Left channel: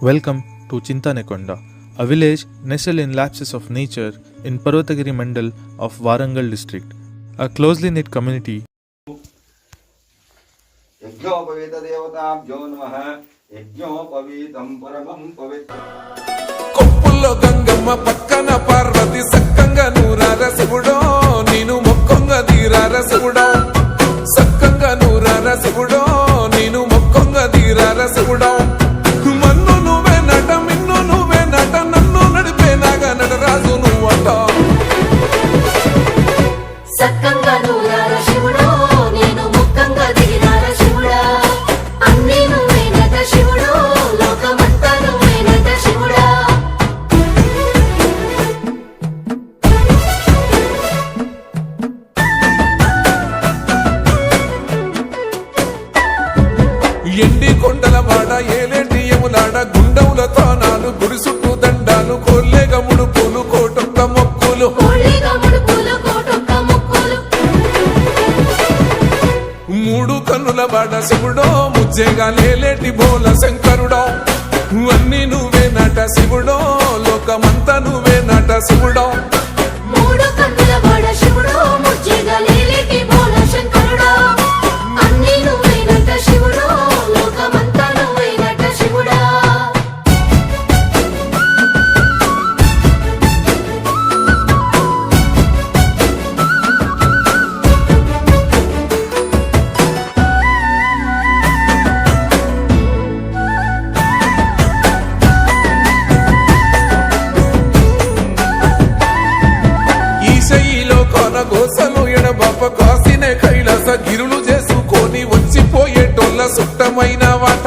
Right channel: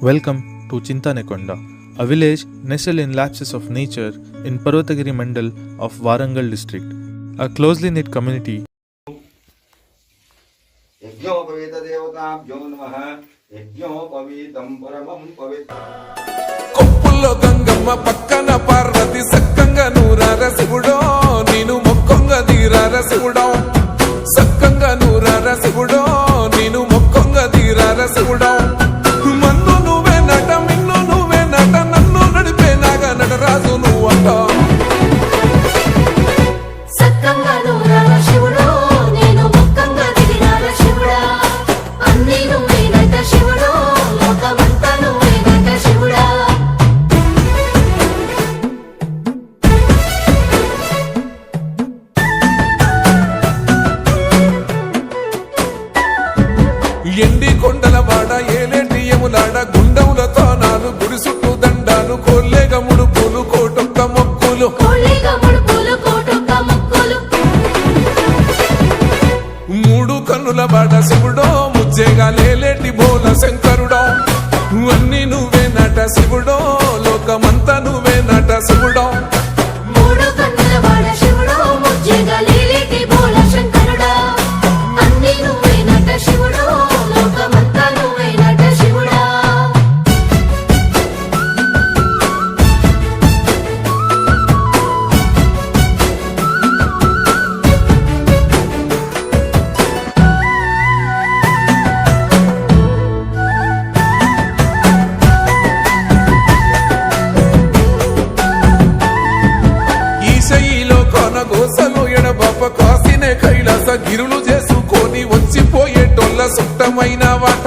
Welcome to Chintanekonda, a village nestled in lapses of nature in Parvatagiri Mandal of Warangal district. A closely knit community. కొప్పుల్లో Gangamma పక్కన పార్వతి సక్కంగా నూరార శివుడో నేను మొక్కంగా దీరార శివుడో సక్కంగా నూరార శివుడో నేను మొక్కంగా దీరార శివుడో మన్ను నువ్వే నట మిన్ను నువ్వే నట నన్ను నడిపే నాగా నటరాజు నువ్వంట ఎండి కొండల వాడ ఏలేటి యములాడ గుండములతో నాలు గుడి చుట్టూ దండాలు కోల్లేగా ముడుపులు కోటొక్క మొక్కులు మూడు కన్నుల బాడ శివుడో ముజ్జేగా లేలేటి బోల శంకరుడో అన్ని నువ్వే నట శివుడో లోకమంతా నువ్వే నట శివుడో ఈశయిలో కొనగోసలు ఎడబాప కాసినే కైలాస గిరులు చేసుకొని వచ్చిపోయేటోళ్ళ సుట్టమైన వాట